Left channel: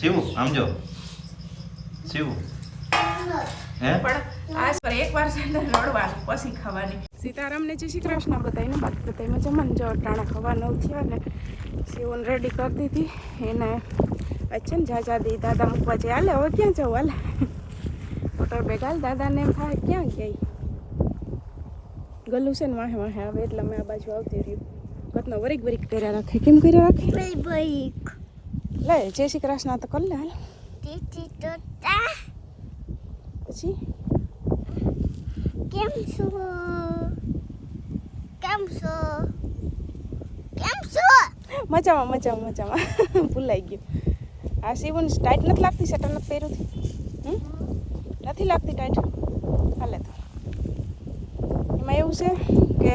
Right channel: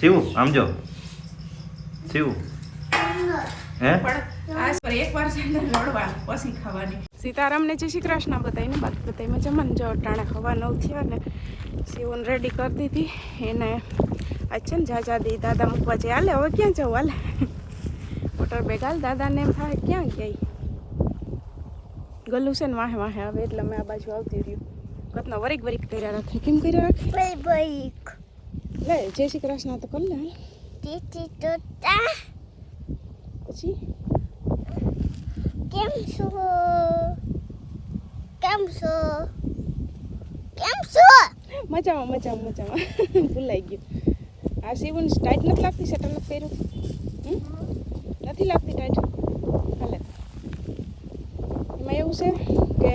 શિવ આમ જો શિવ હે પણ આ પર એકવાર છે ને રડવાનું પછી ખાવાની. સીતારામને જય શ્રી કૃષ્ણ બધાને. બાકી બધા મજામાં જો ટાણે હવા 9 થયા ને શિવને રેડી કરી દીધી એને. આજ છે ને જાજાદી દાદા મૂકવા જાય. હાલે હવે ક્યાં જવું? હાલે મોટર બેગ હાલ. દાદાને એમ થાય ક્યાં ગયા ગલું છે ને વાહે વાહે આવે એટલે મેં આ બાજુ આવતી રહ્યું. કતનો વરીક વરીક કર્યા રાખે. કેમ કર્યા રાખે? Baik. લે જય શ્રી કૃષ્ણ તો કર લે હાલ. Titi Tota. પછી કેમ છો? Keem zo? Keem zo? મજામાં મજામાં મજામાં. ભૂલાઈ ગયું. આ શિવને ટાઈટ નથી લાગતી? શટર નથી પહેર્યું? નથી લાગતી ટાઈટ? હાલે તો એમાં એવું છે કે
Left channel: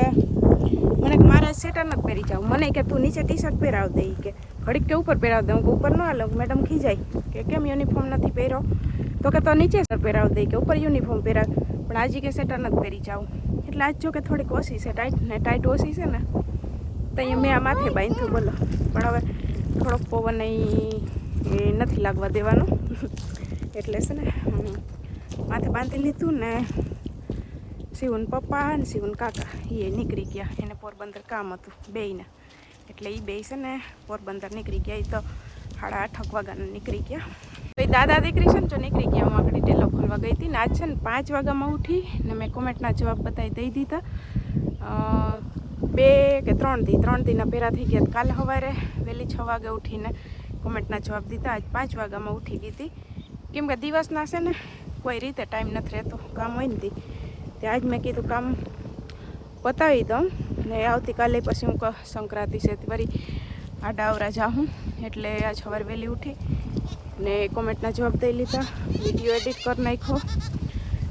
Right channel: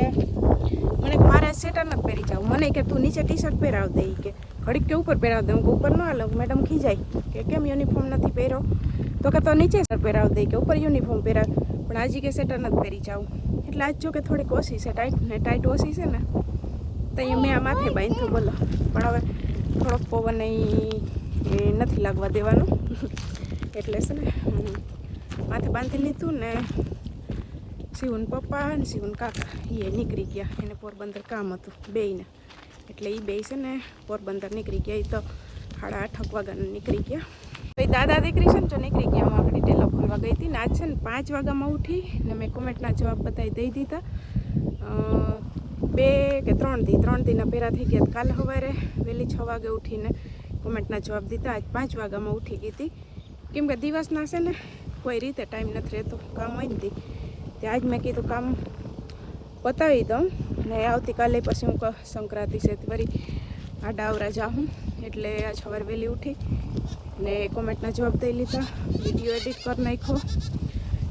મને મારે સ્વેટર નથી પહેરી જાવ. મને કે તું નીચે ટી શર્ટ પહેરાવ દે કે ઘડીક કે ઉપર પહેરાવ દે. હું ઉપર ન હાલો. મેડમ ખીજાય કે કેમ યુનિફોર્મ નથી પહેર્યો? તો કે તો નીચે શર્ટ પહેરાવ દે કે ઉપર યુનિફોર્મ પહેરાવ. પણ આજે કે સ્વેટર નથી પહેરી જાવ. એટલે આજ જો કે થોડીક ઓછી છે ટાઈટ ને ટાઈટ ઓછી છે ને તો અહીંયા મેં આ માથે બાંધ્યું બોલો. પણ હવે થોડોક પવન એ નથી લાગવા દેવાનો એટલે છે ને માથે બાંધી લીધું ને. શિવન પપ્પા અને શિવન કાકા એ નીકળી ગયા. એને પોરબંદર કામ હતું બેયને. એટલે એ બે છે ને પોરબંદર નીકળી ગયા. એ તો 8:30 વાગ્યાના નીકળી ગયા. તો એ દાદા દીકરી છે ને જો નીકળી ગયા. હું આખડી ટેલો ખોલવા ગઈ હતી ને આજ છે ને 5 વાગ્યામાં ઉઠી ને મેં કોમેન્ટના જવાબ બધાય દઈ દીધા. 2 કે 3 દીના પહેરા થઈ ગયા. કાલે સવારે વહેલી 6 વાગે ઉઠીને કોમેન્ટના જવાબ દીધા. આજ 5 વાગ્યામાં ઉઠી ગઈ હતી. કેમ કે દિવસના છે ને કોઈ રીતે ટાઈમ નથી રહેતો. કામ હોય ને તે આજ મેં કીધું કામ પતાવી દઉં ને આવતીકાલે પછી હું સંક્રાંતિ છે વળી આડાવરા જાઉં. એટલે આજ સવારે વહેલી ઉઠી ને કોમેન્ટના જવાબ દઈ લીધા. વિડીયો એડિટ કરી નાખ્યો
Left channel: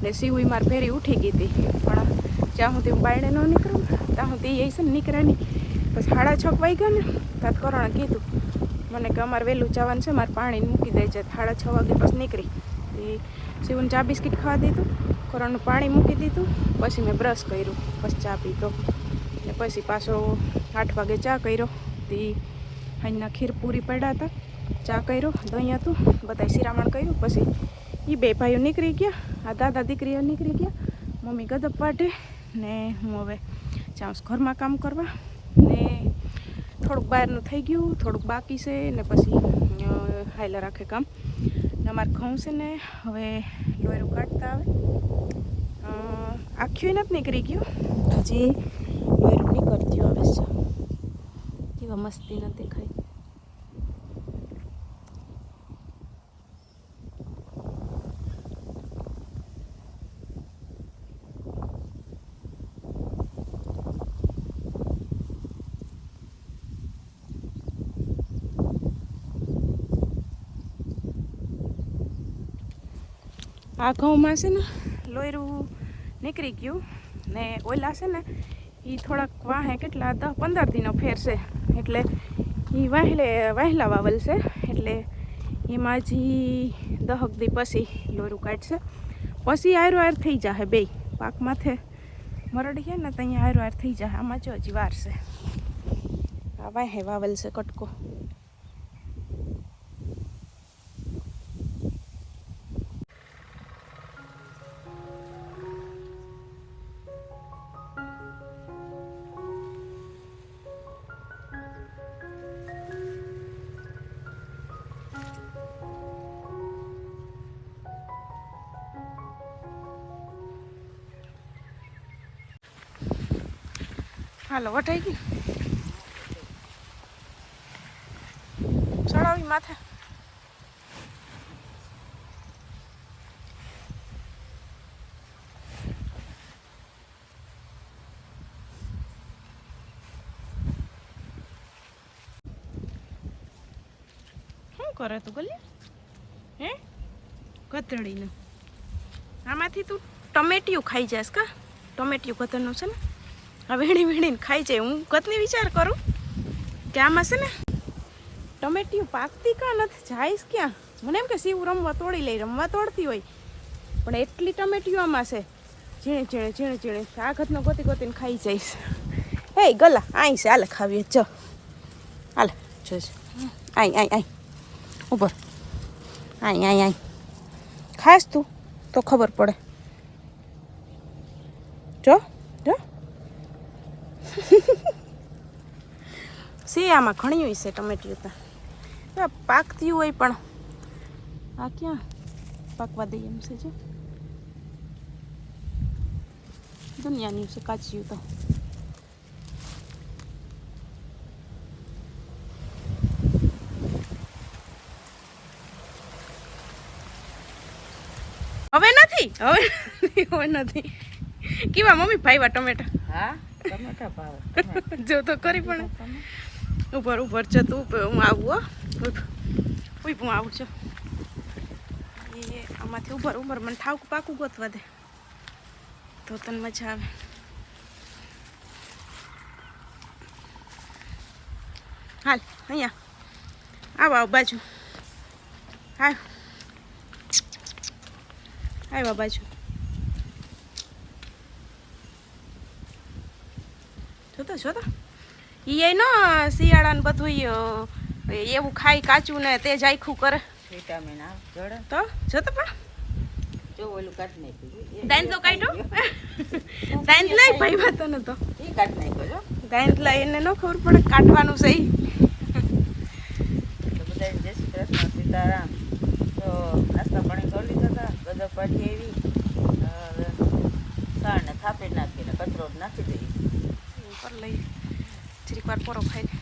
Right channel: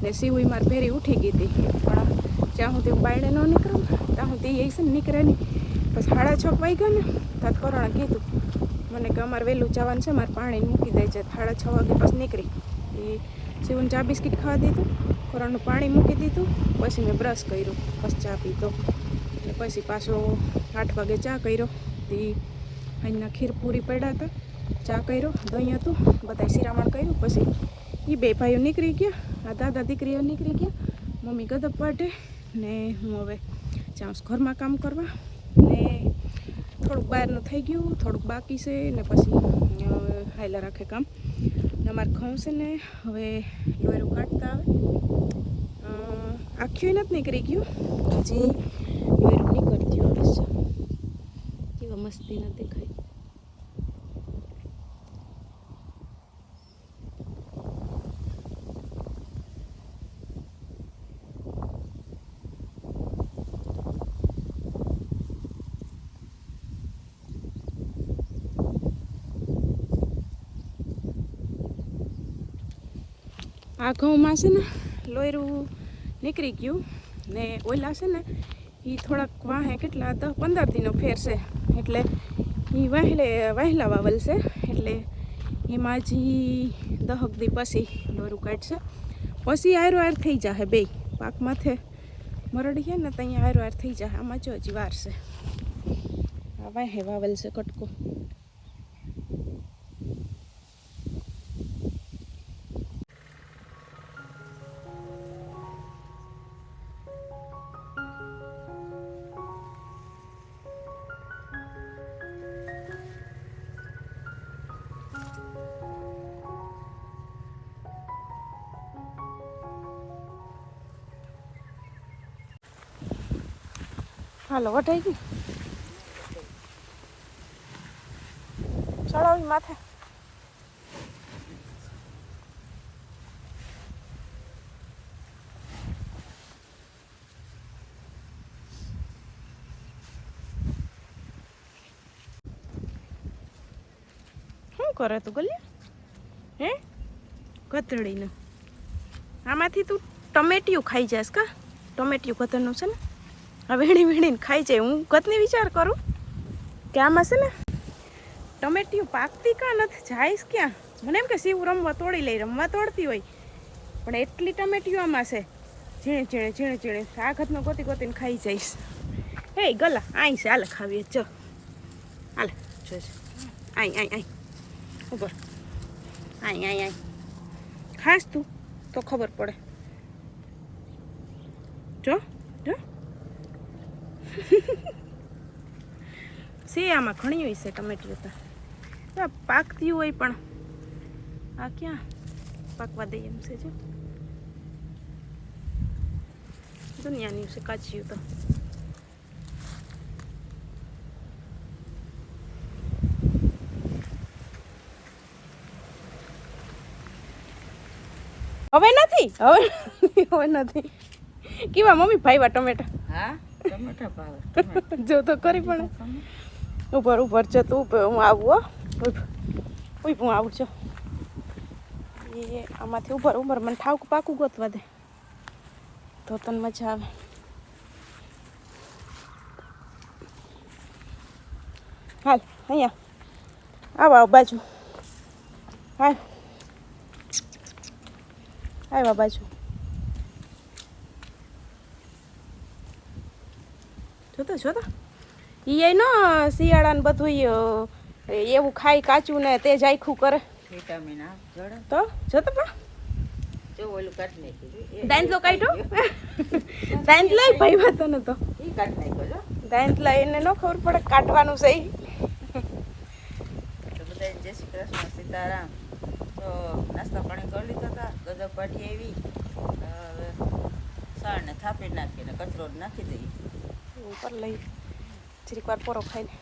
ને સીવી માર ભેરી ઉઠી ગઈ હતી. પણ જ્યાં સુધી હું બાયણે ન નીકળું ત્યાં સુધી એ છે ને નીકળે નહીં. પછી 6:30 વાગ્યા ને ત્યાં કરણ કીધું મને કે અમારે વહેલું જવાનું છે. મારે પાણી મૂકી દે છે. 6:30 વાગે પછી નીકળી. એ શિવને ચા બિસ્કિટ ખાવા દીધું. કરણનું પાણી મૂકી દીધું. પછી મેં બ્રશ કર્યું. પછી ચા પીધો ને પછી પાછો 8 વાગે ચા કર્યો. તે અહીંના ખીર પૂરી પડ્યા હતા. ચા કર્યું. દહીં હતું. બધા શિરામણ કર્યું. પછી એ બે ભાઈઓ નીકળી ગયા. આ દાદા દીકરીઓ નીકળી ગયા. મમ્મી ગદપ વાટે ને હું હવે જાઉં ઘરમાં કામ કરવા. ને થોડુંક બહારનું થઈ ગયું. થોડુંક બાકી છે ને પછી હાઈલા રાખે કામ. ને અમારે ઘઉં છે ને હવે લોયરું કાઢતા આવે. આખ્યું નથી નીકળી ગયું. હજી લોયરું નીકળતું આવે છે. કેવા મસ્તી ન દેખાય. આ ઘઉંમાં છે ને લોયરું નીકળી ગયું ને ઓલા છે ને એ થોડાક વાહે કેટલા 10-15 દીનો ફેર છે. એટલે એ વહેલા વાવલ છે. એટલે એમાં હજી 10 દી પછી લોયરું કાઢશે. પછી આયરો થઈ જશે. બે પાક માથે મરડીએ ને તો અહીંયા આયરો થઈ જશે. આમાં જો હજી વાર છે. આ વાહે વાવલ છે કટકો. હાલો વટાઈ ગઈ. ચડાવી માથે. શું કરે તું ગલ્યા? હે ગધડીને આમાંથી તું ટમેટિયું ખાઈ જાસ કા? ટમેટિયું ગધરનું છે ને આ વીણીને ખાઈ જાય. હું કતની વિચાર કરું કે આમાં છે ને ટમેટિયું પાકતી કાં નથી જાઈશ ક્યાં? મને એમ કે શિવ રમવા તોડી લઈ. રમવા તોડતી હોય પણ એટલી ટમેટિયું આમાં છે ઝીણે આ ઘતનો ગોતીને ખાઈ જઈશ. હે ગલા આઈ છે. હાલે ખાવીએ જો હાલે જોઈશ. આઈ ઉપર આય ખાસ તું તો ખબર પડે. જો જો સી આમાં ઘણી હોય છે ટમેટીઓ તો પાકતી હોય પણ આ ક્યાં પાકવા દઈએ એમ છે. જો દુનિયાની છે કાચી તો. હવે નથી કેવા મમ્મી ભાઈવા ટમેટા. હા ટમેટા ભાવે જો તો કરી પણ ઉપર જતું હું આવું હું આવું છું એ આમાંથી ઉપર મને ઠાવકું પાકું ગોતવા દે તો તને મજા આવે. હાલ અહીંયા આવ બાજુ આવ્યા બાજુ જોતો ઈ નો શિયાળાને બધું એવું ખાઈ કાચું ને તે જ આખું કરે વિટામિન આ જડે તો જોતો પા જો ઓલું કાઢી નાખ્યું દાંત તો કાઢ્યો દાંત લઈ ભાઈ વાતો ને તો ઈ કાઢી નાખ્યું દાંત લઈ એને ન ખબર પડે કાઢવાનું છે તો બધાને જય શ્રી કૃષ્ણ સીતારામ. તો નાસ્તા પાણી કરી લીધા હતા, ગદર પાડી આવી, સાણને થાપી નાખીને કચરો નાખી દઈએ ઉપર લઈ જરીક વાર પોરો ખાઈ લે.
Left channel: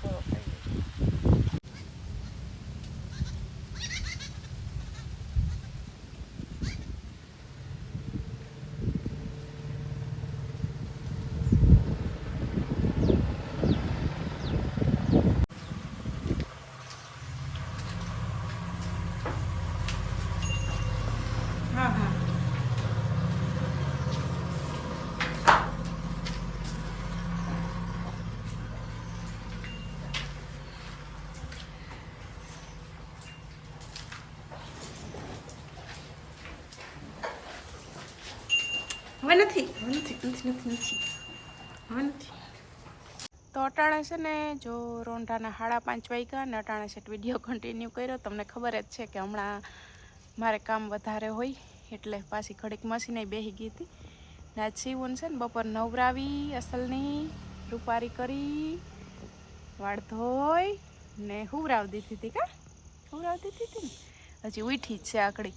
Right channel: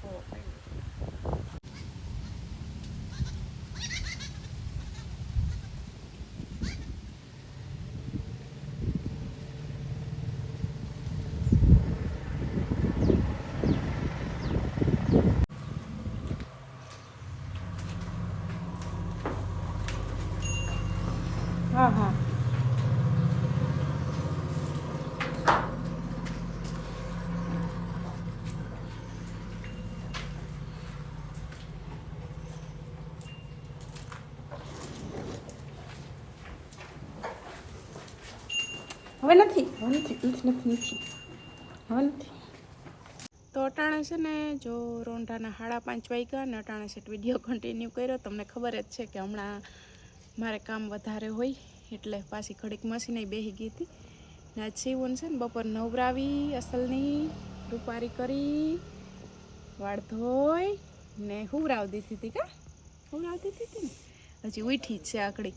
થોડો ખાઈ લઈએ. હા હવે નથી. તો અટાણે છે ને જો રોંઢાના 5:30 વાગ્યા ને અટાણે છે વિડીયો કન્ટિન્યુ કર્યો. તમને ખબર જ છે કે હમણાં મારે કામ વધારે હોય એટલે પાછી ઘડીક મશીને બેસી ગઈ હતી ને આજ સીવન છે ને બપોર નવરાવી અસલની રૂપારી કરી વાળ ધોઈ ને હુવરાવી દીધી હતી ને હજી ઉઠી જ છે આકડી.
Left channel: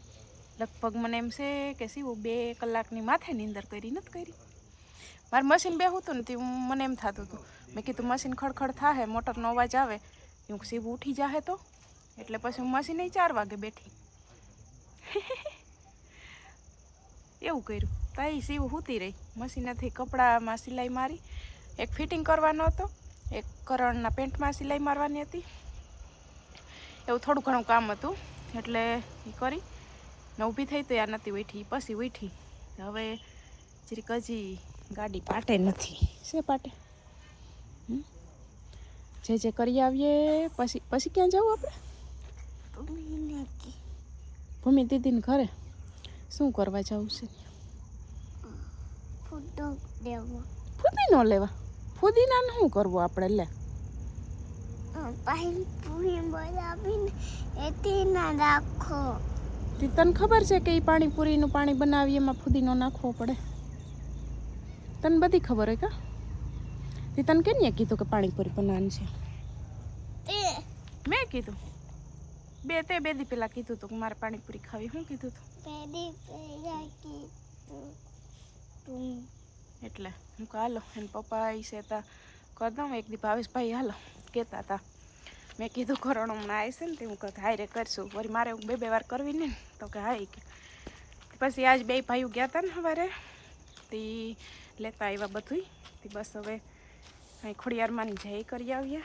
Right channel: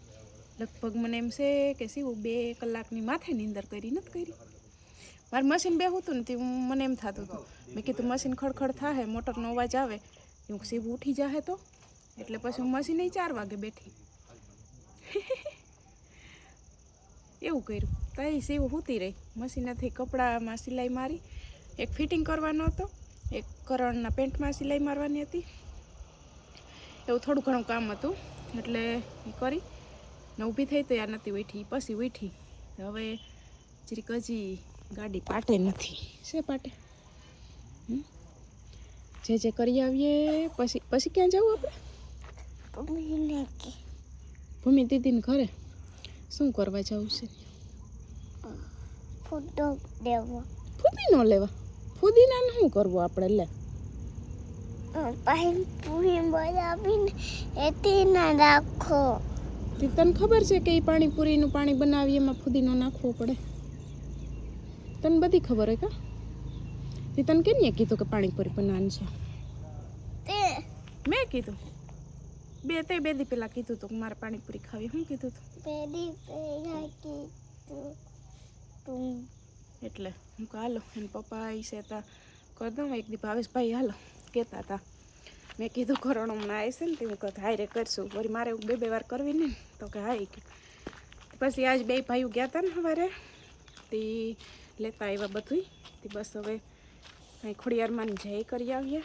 લગભગ મને એમ છે કે સીવું 2 કલાકની માથે નીંદર કરી નથી કરી. મારે મશીન બેહું હતું ને તે મને એમ થતું હતું મેં કીધું મશીન ખડખડ થાય મોટરનો અવાજ આવે એવું સીવું ઉઠી જાહે તો એટલે પછી હું મશીને 4 વાગે બેઠી એવું કર્યું તો એ સીવું સૂતી રહી. મશીનેથી કપડામાં સિલાઈ મારી, એક ફિટિંગ કરવાનો હતો, એક કરણના પેન્ટમાં સિલાઈ મારવાની હતી, એવું થોડું ઘણું કામ હતું એટલે એ કરી ને ઊભી થઈ તો યાર નથી ઉઠી. પછી ઉઠી હવે જરીક હજી ગાડી પાટે નથી છે પાટે જે કરી આવીએ પછી ક્યાં જવું આપણે? ભૂમિ દીદીને ઘરે શું કરવા જવું છે? ફુદીનો લેવા. ફુદીનાને શું કરવું આપણે? લે પાણીપુરી બનાવીને એથી ના રાખો. તને ખબર છે કે એ પાણીપુરીનું પાણી બનાવીએ એમાં ફુદીનો નાખવો પડે? તને બધી ખબર હોય કા? તે તને કેને કીધું કે પાણીપુરી બનાવવાની છે? મેં કીધું બે દી પહેલાં કીધું હતું કે મારે પાણીપુરી ખાવી. શું કીધું હતું? એટલે હું કહું હાલો એને પપ્પા આવી છે તા કરી દઉં એક દી. ભાવેશભાઈ હાલો કહેતા હતા. મેં કીધું કરણ હમણાં આવી છે ને તે હું કહું હાય રે કરશું. વળી મારે 2 વાર કરવી ને તો કે હા. પછી આજ 2 ભાઈઓ ગયા હતા ને સવારે તે લેતા આવ્યા બધું તે બસ હવે અહીં ખોડિયારમાં જઈ કરી આવીએ.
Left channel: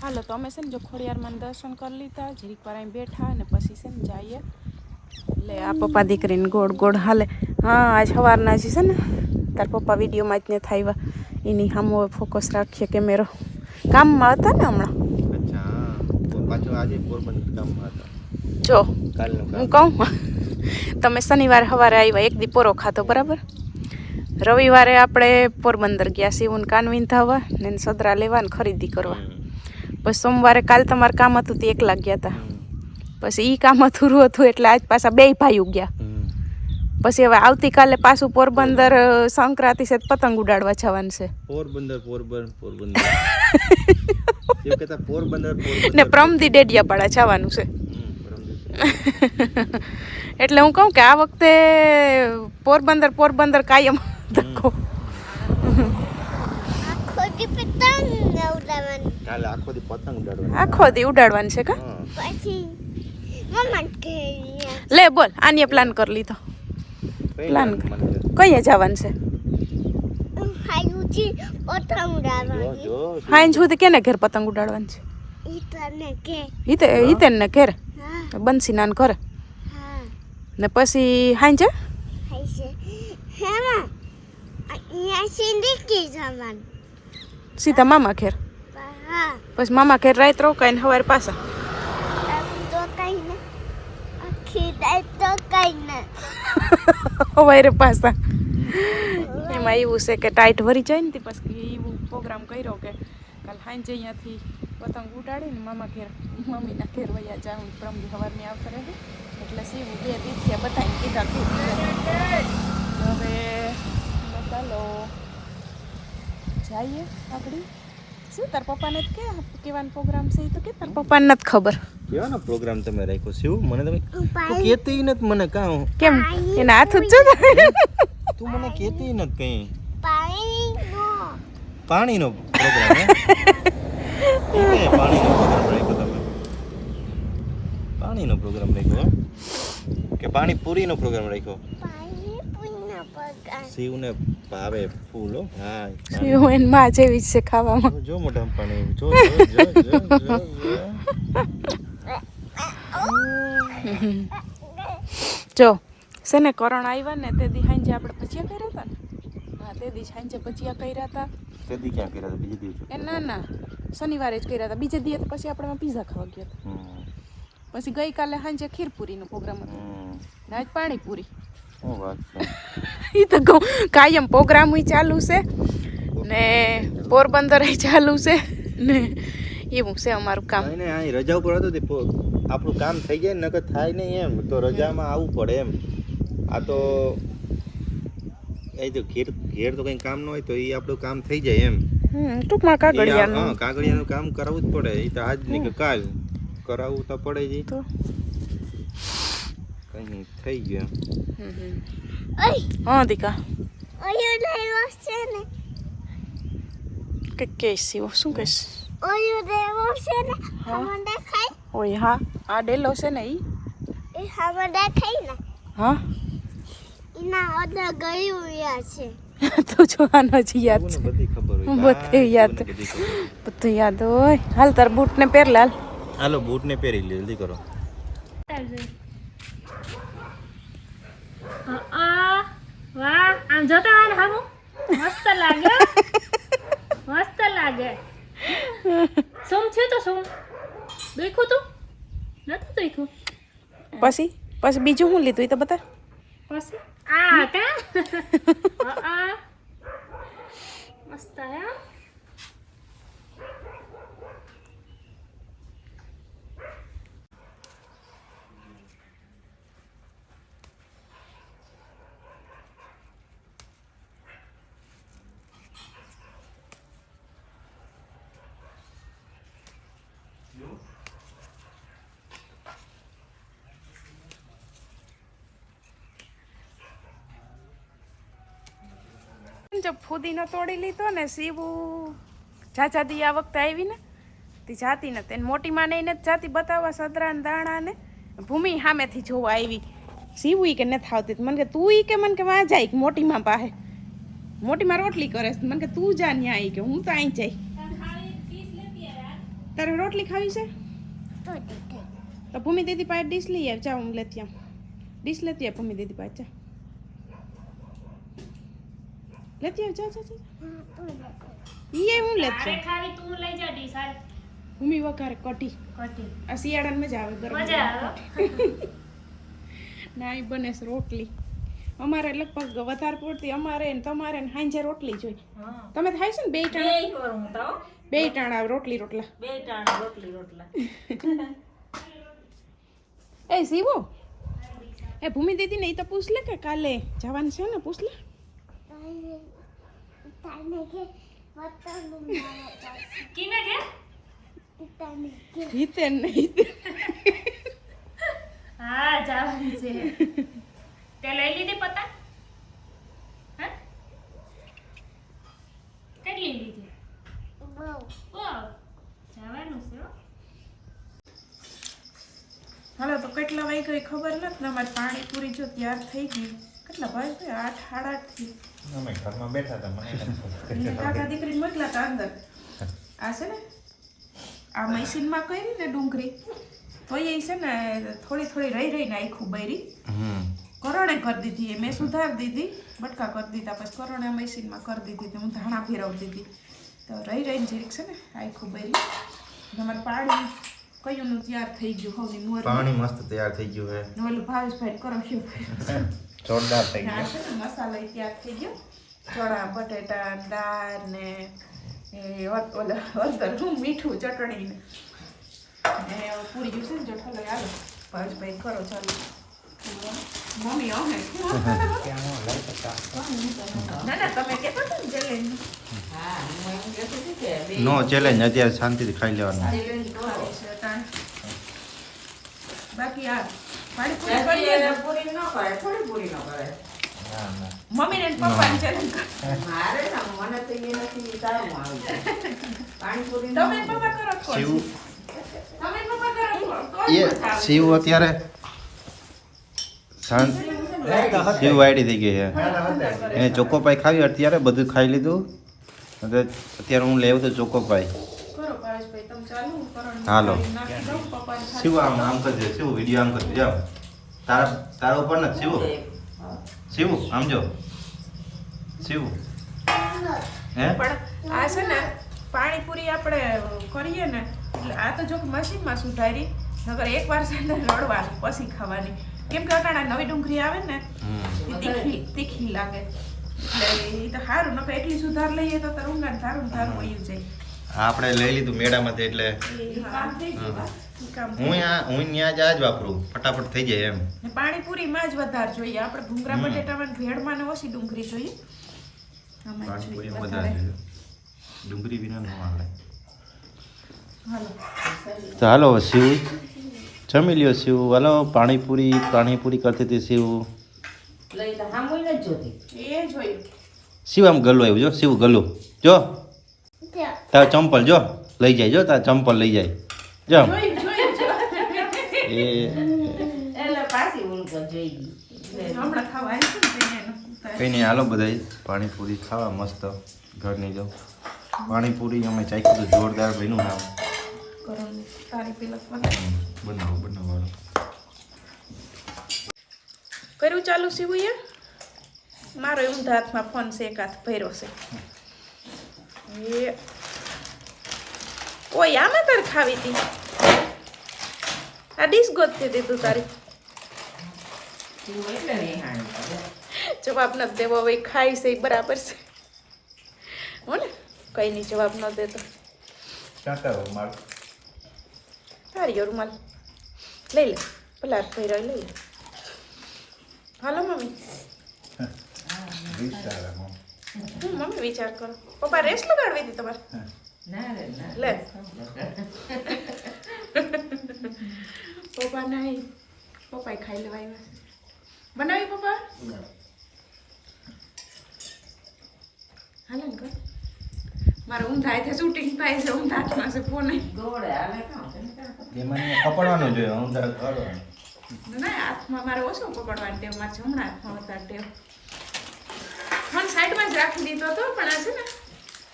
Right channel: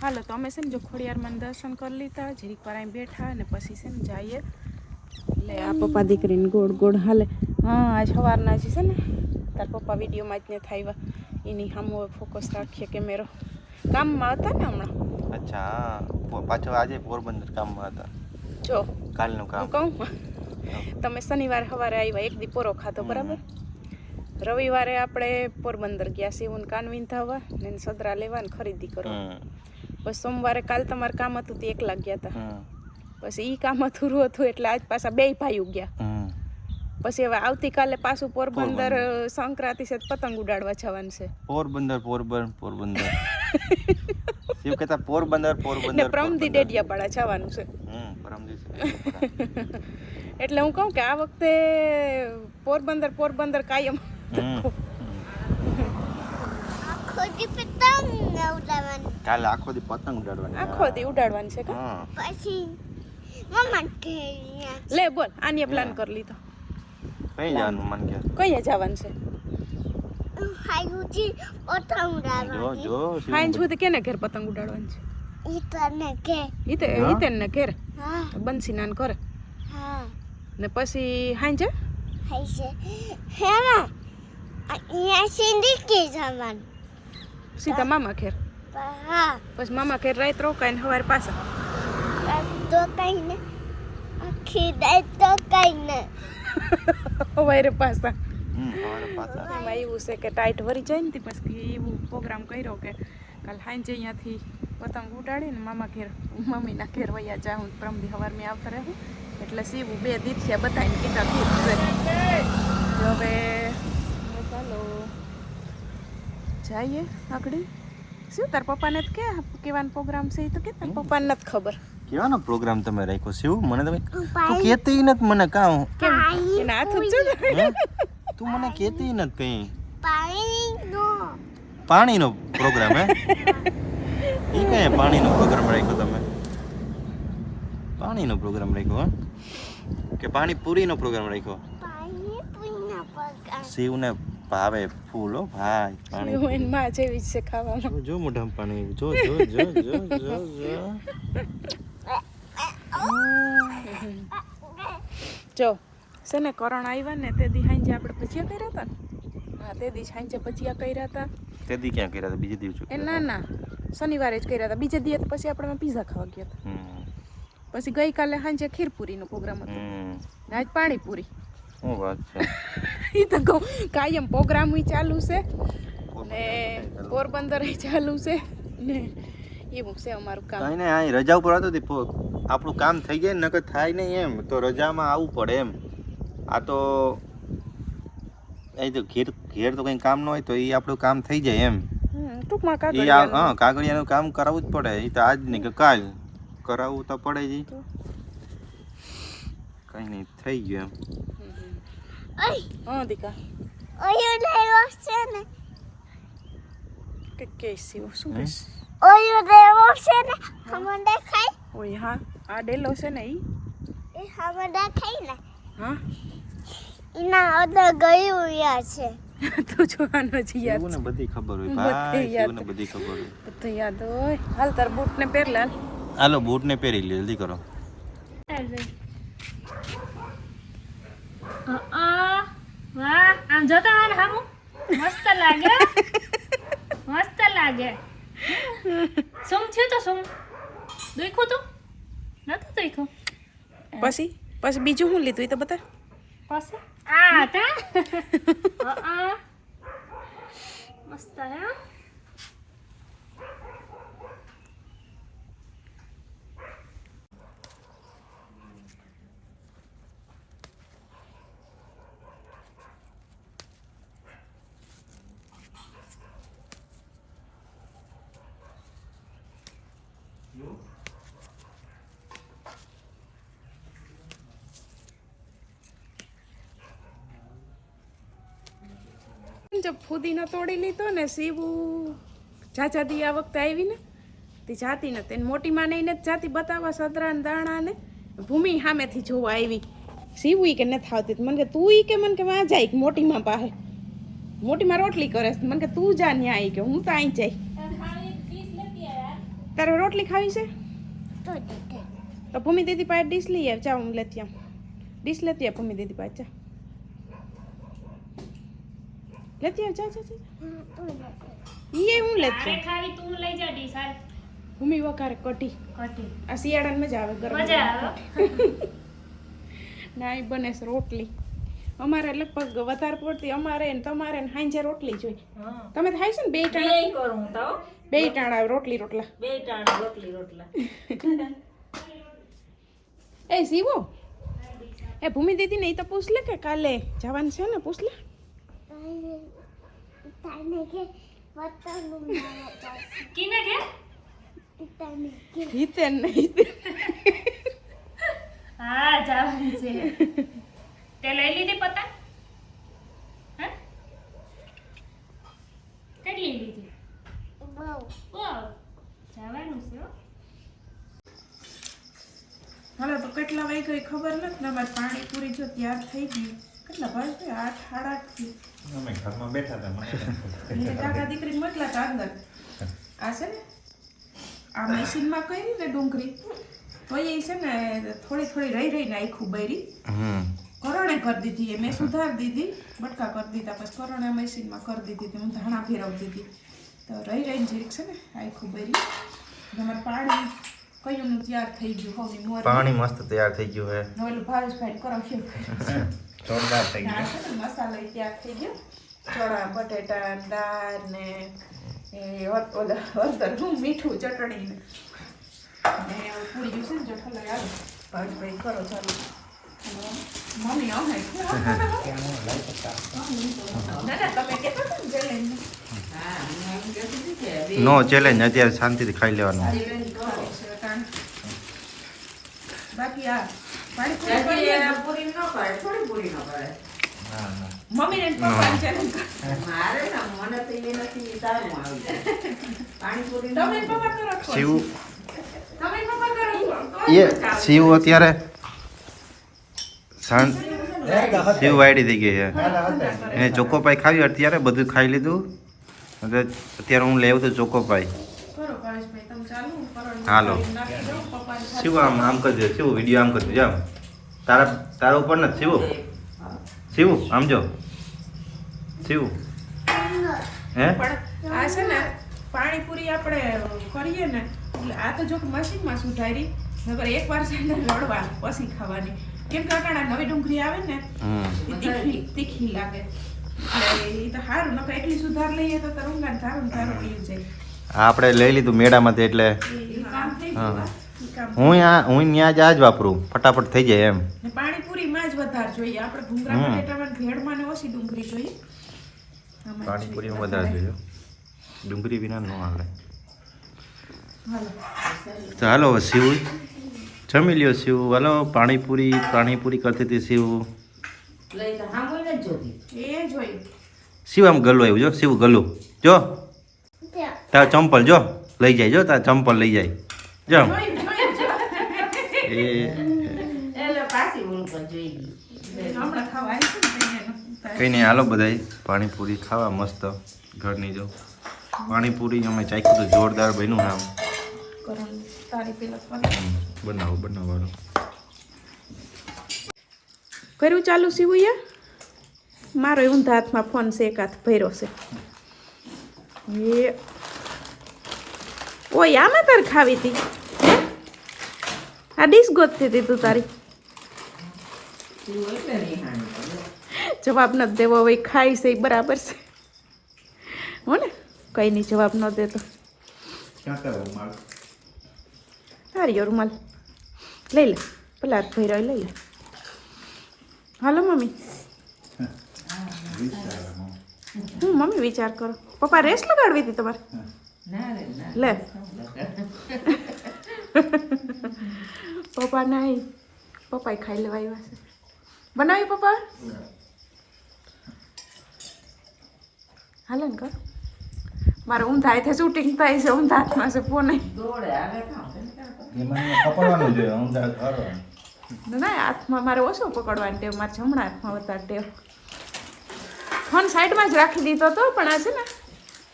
હાલો તો અમે છે ને જો ખોડિયારમાં દર્શન કરી લીધા, જરીક વાર અહીં બેઠા અને પછી છે ને જઈએ. એટલે આ પપ્પા દીકરીને ગોળ હાલે. હા આજ સવારના છે ને તાર પપ્પા વિડીયોમાં જ ને થાય એની સામે ફોકસ રાખીએ કેમેરો. કામમાં હતા ને હમણાં. અચ્છા પાછો આજે પોરબંદર કામમાં હતા. જો કાલનું કામ હું કહું તમે શનિવારે સવારે આવ્યા, એક દી પોરો ખાધો બરાબર, રવિવારે આપણે પોરબંદર ગયા શિવન કાનવીન થવા ને સદરા લેવા ને ખરીદી કરવા. પછી સોમવારે કાલ તમારે કામ હતું તે એકલા ગયા હતા. પછી ઈ કામ અધૂરું હતું એટલે આજ પાછા 2 ભાઈઓ ગયા. પછી હવે આવતીકાલે પાછું પોરબંદર સંક્રાંતિ છે પતંગ ઉડાડવા જવાનું છે. પોરબંદર એવું કહેતા પોરબંદર ને પ્રમદી ડેડિયાપાડા જવાનું છે. એટલે હું કહું કે આ વખતે પોરબંદર કાયમ ધક્કો. કાલે આખો દી પતંગ ઉડાડવાની. આખો દી ઉડાડવાની છે કા? પછી લે બોલ આની પ્લાન કરી લીધો. પ્લાન કઈએ જવાનું છે? હાયુજી પતંગ ઉડાડવાની. હાઈન સુધી કેને ઘેર પતંગ ઉડાડવાનું છે? હિતેન ને ઘેર બંસી નાન કરે ને પછી હાઈન છે સીધા મામા ઘેર. પછી મામા ઘેર રાત રોકાઈને સવારે પાછા સવારે પાછા. એમાં એવું છે કે ટાઈટ ભરી જાય ને પછી એવું પ્રોગ્રામ કર્યો કે કાલ સાંજે અહીંયાથી પતંગ ઉડાડીને મામા ઘેર મમ્મીના ઘેર વયા જાઉં પ્રમદી સવારમાં આવતા રહે. એટલે સીવું 2 દીથિયા બધાને કીધા કીધું છે. હવે ચાલો જઈએ આગળ. શું તાર પપ્પાને જ કે કેવાનો પ્રોગ્રામ છે? એ તો કે તાર પપ્પાને નથી ખબર કેવાનો પ્રોગ્રામ તમે રાખ્યો છે? મને તમે તું કહેતી નથી મને કાં કેમ એના હાથ જ છે. તું મને કહેતી નથી કઈ પાણીનો પ્રોગ્રામ હે એ કઈ પાણીનો પ્રોગ્રામ રાખ્યો તમે? પાણીનો પ્રોગ્રામ રાખ્યો કે પાણીપુરીનો પ્રોગ્રામ રાખ્યો? શિવને ભાવે ફૂલ હો ભાઈ. શિવ એન માં જેવી છે ખાવામાં. જો મોઢામાં પાણી જો જો છે ને કરણ આવ્યા ને તે દી સાંજે આપણે ભજીયા કર્યા હતા ને. હા તે દી સાંજે ભજીયા કર્યા હતા. તે દી ક્યાં કર્યા હતા? બીજે દિવસે? એ ના શનિવારે જ કર્યા હતા. બીજે દી પછી આપણે પીઝા ખાવા ગયા હતા. પછી ગઈકાલે સાંજે ખીરપુરીનો પ્રોગ્રામ હતો ને આજ પાણીપુરી. શું વાત છે? એ તો કહું કાયમ પ્રોગ્રામ ચાલુ છે ને પોરબંદર ચાલુ છે ને એવું છે અમારું કામ. ને આ રજા ઉપર હતો આપણું કામ થઈ જાય નકર થાય નહીં એમ તો રજામાં આવવું પડે એમ. આ તો એ તો ઘેર તો કંઈ કામ ન હોય તો એ આપણું કામ થઈ જાય એમ. ટૂંકમાં કાગળિયાનું કામ કરાવવું જ પડે. એ તો આજ નહીં કે કાલ કરાવવું તો પડે જ. કઈ નહીં થઈ ગયું એમ. હા દીકા ઓયો લેવો છે ને કે કેસી શું કહેશ? ઓયો લેવો છે ને હમણાં દેખાય. ઓય હા આ ડેલો છે ને ઈ હમણાં દેખાય ને. હા એના અદર ગયું યાદ છે. તો જોવાનો જ યાદ છે. બધી ખબર હોય બધી યાદ. બધી ખબર હોય. બધું યાદ હોય. હાલ તાર બૂટ ને પહેર લાલ. હાલો બૂટ ને પહેરી લે જલ્દી કરો. વાહ આમ જોતા હોય ને હામું મસ્ત લાગે. મસ્ત લાગે. સુમ થયું તો સુમ દેખું તું નતું દેખું. પછી બીજું શું લીધું એ તો બતા. પછી આ કા મસ્ત હે. જબ ફુદીનો તોડી લીધો ને સીવું જાજાદી આ વખતે આવી ને તે જાતી ને તેને મોટી માને એને જ જાતી બતાવવા સદરા ને દાણા ને ભૂમિ સામેથી જોવા આવી. સીવું ઈ કે નથી આવતી. મને કે તું ઈ કે મને કે વાં જાય મોટી માં પાસે. મોટી માં રોટલી કરે મને કે તું જા ન્યા આવી કે હું તો અહીં જાય. તારે રોટલી ખાવી છે તો ભૂમિ દીદી પાસે ડીશ લઈ આવ. જા હું લેતી આવ. ડીશ લેતી આવ ભૂમિ દીદી પાસે. લેતી આવ. જા ઈ હું લેતી આવ. ખાલી તું લઈ જા ડી સાર ભૂમિ વઘારે કઢી. આ શિયાળામાં મજા આવે. ગરમ મજા આવે. ના એ બને છે રોટલી અમારે લગભગ વધારે પડતી અમારે ને તમારે ને હાંજે રોટલી જોઈએ. હા તમે થાય છે ને બે બે ટાણા કરું તો બે ટાણા રોટલી રોટલા. બે ટાણા રોટલા એ શિવો એ ભૂમિ દીદી ને ઈ તો પૂછ લે કે કાલે જવાનું છે ને પૂછ લે. તાને કે વતનનું નામ ચાલશે. કિને કે તાને કે હિતે નહીં હા જવાનું છે તે લઈ લીધી પતા હા કેટલી લીધી બહુ ઓ જવાનું છે હો. હાલો તો કેટલા વાગ્યા એ ખબર નથી ને અમારે પાણીપુરી જો તૈયાર થઈ ગઈ. કેટલા ભાઈ 8 સાડા 8 થી અમે ઘરમાં બેઠા હતા મને કાકા દીકરી મોકલા હતા અંદર. આ છે ને આ મશીનમાં કરી ને ડુંગળી તો એ છે ને થોડી થોડી રહી ને આખું બૈરી કરોણે કરી દીધી. એ મેં સુધારી દીધી બટકા કરી દીધા પછી કરોણે મશીનમાં કરી દીધી. હું ધાણા ફેરવતી હતી તો રહીને જીરીક છે ને આખું બૈરી. અમારે પાણી કયુંનું તૈયાર થઈ ગયું. હવની મોર પાણી મસ્ત તૈયાર થઈ ગયું હે ઓલું ભાવેશભાઈ કરાવશું. જોરદાર થઈ આ છે ને મસાલો ય તૈયાર થઈ ગયો. ચણા બટેટા દાળ ને એ ઓલા હળદર હું મીઠું ચટણી ને પૂરી ગયું છે ને જો ઠલો હાલો ભાવેશભાઈ કરો ચાલુ. મમ્મી અમે ના ના તમે કહેતા હતા ને ચેલેન્જ હા હું એમ કહેતી હતી કે બે નો ચેલેન્જ અત્યારે શાંતિથી ખાઈ લેવાનું. બાકી આ પાણીપુરી કરીએ ને પૂરી ન કરે થોડી પૂરી ન કરે મમ્મીને ને પપ્પાને ચેલેન્જ કરો. મારે ના મને તો એ નથી ટાઈમ આવી જાય પાણીપુરી ન તમે પપ્પા કરો તો શિવ તમે પપ્પા કરો એ શિવ અત્યારે શાંત શિવ વાયડી થઈ ગઈ છે. એને ચોકોપાઈ ખાવી અત્યારે બધું ખાઈ લીધું. અત્યારે હું લેવું તો ચોકોપાઈ. કરો ભાવેશભાઈ તમે ચાલુ કરો. હાલો. નાખી દો પપ્પાને શિવ આમ કરજો શિવ વિડીયો આમ કરજો જાઓ તારા ઉપર નથી શિવ શિવ આમ જો શિવ હે પણ આ છે ને પાણીપુરી આપણે કરીએ ને એટલે આ તો જો કે મશીનમાં સુધારી નગર એકવાર છે ને રડવાની પછી ખાવાની. કેમ કે અટાણા નવી ડુંગળી આવે ને એ તીખી લાગે એટલે એ તો સારું નકર એટલી સુધાર લઈએ તો રૂંગા ધારું વયું જાય. આપણે લઈ લીધું મેળામાંથી એટલે એ કામ થઈ ગયું. ઈ કામ હું ત્યાં જ આ જ વાપરું ફટાફટ થઈ જાય એમ. ને પાણીપુરીમાં જ વધારે જોઈએ આપણે ભૂંગળા બટેટામાં ને ભેળમાં ને ઓછી ડુંગળી જોઈએ. આમાં જ પાણીપુરીમાં જોઈએ વધારે જોઈએ ડુંગળી વિના ન હાલે. હાલો. તો હાલો શિવ જમી લ્યો શિવ. હાલો પાણીપુરી કરતી હતી શિવ. લઈ તો સાંભળી ને જ જોતી એ જોયું શિવ આમ ગલું આવ્યું જો શિવ ગલું જો ત્યાં તાર ચંપલ જો લઈ જાય જો તાર ચંપલ લઈ જાય જો જોયું એ એટલે પાછી ઉલકો જોઈ ગઈ હમણાં ખાવા આવી છે ને એનું કંઈ નહીં હાલો બધાય પાણીપુરી ખાવા મસ્ત ઘરની જો પાણીપુરી અમે ચાખ્યું તો જોરદાર બન્યું આમ કરણ તારી પેલા બનાવો હાલો. કર્યું ચાલુ સીવું મારો ઊંધા હાથમાં ફોન છે એક હાથ ભર્યો છે એ ઓય આમાં તારે ખાવી હતી આ ડીશ ગોતતી હતી તું તારી તું એટલે નહીં હાણી જવાબ નથી દેવો હવે ખાઈ છે એ બરાબર છે હો ને કઈ નહીં જવાબ ન દેતો હા રૂમાલ લઈ લે પેલા ભેરા લઈ લે હાલો મમ્મી હું મમ્મી વિચાર કરો પપ્પા રેસ્ટ લગાડવી હતી તમારે ના રે ના લે પપ્પા નહીં પપ્પાએ ખાઈ લેવા આવ્યા છે બનાવી પપ્પા હાલે ને કર મારે ઊંધા હાથે શૂટિંગ થાય છે ઊંધા હાથમાં છે ફોન ગોળે આવે કામ પકડવાનું જોઈએ ઊંધા કરવાનું. ના હાથમાં મારે ઓછું પકડવાની ટેવ મારે જમણા હાથમાં વધારે ટેવ ફોન સાઈડમાં જ રાખી દીધો હતો પણ આ છે ને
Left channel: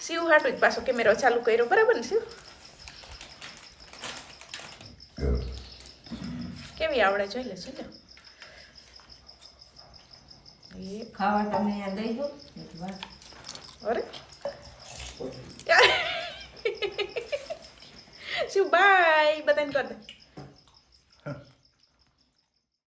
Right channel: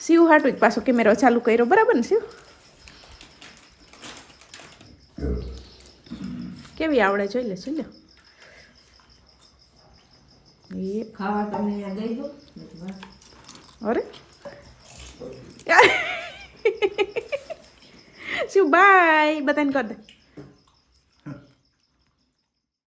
શિવ હાટું જ પાછો કેમેરો ચાલુ કર્યો બરાબર ને શિવ કેવી આવડે જોઈ લે શું ખાવા તમને અહીંયા દઈ દો અરે શિવ બાય બધાને કરી દે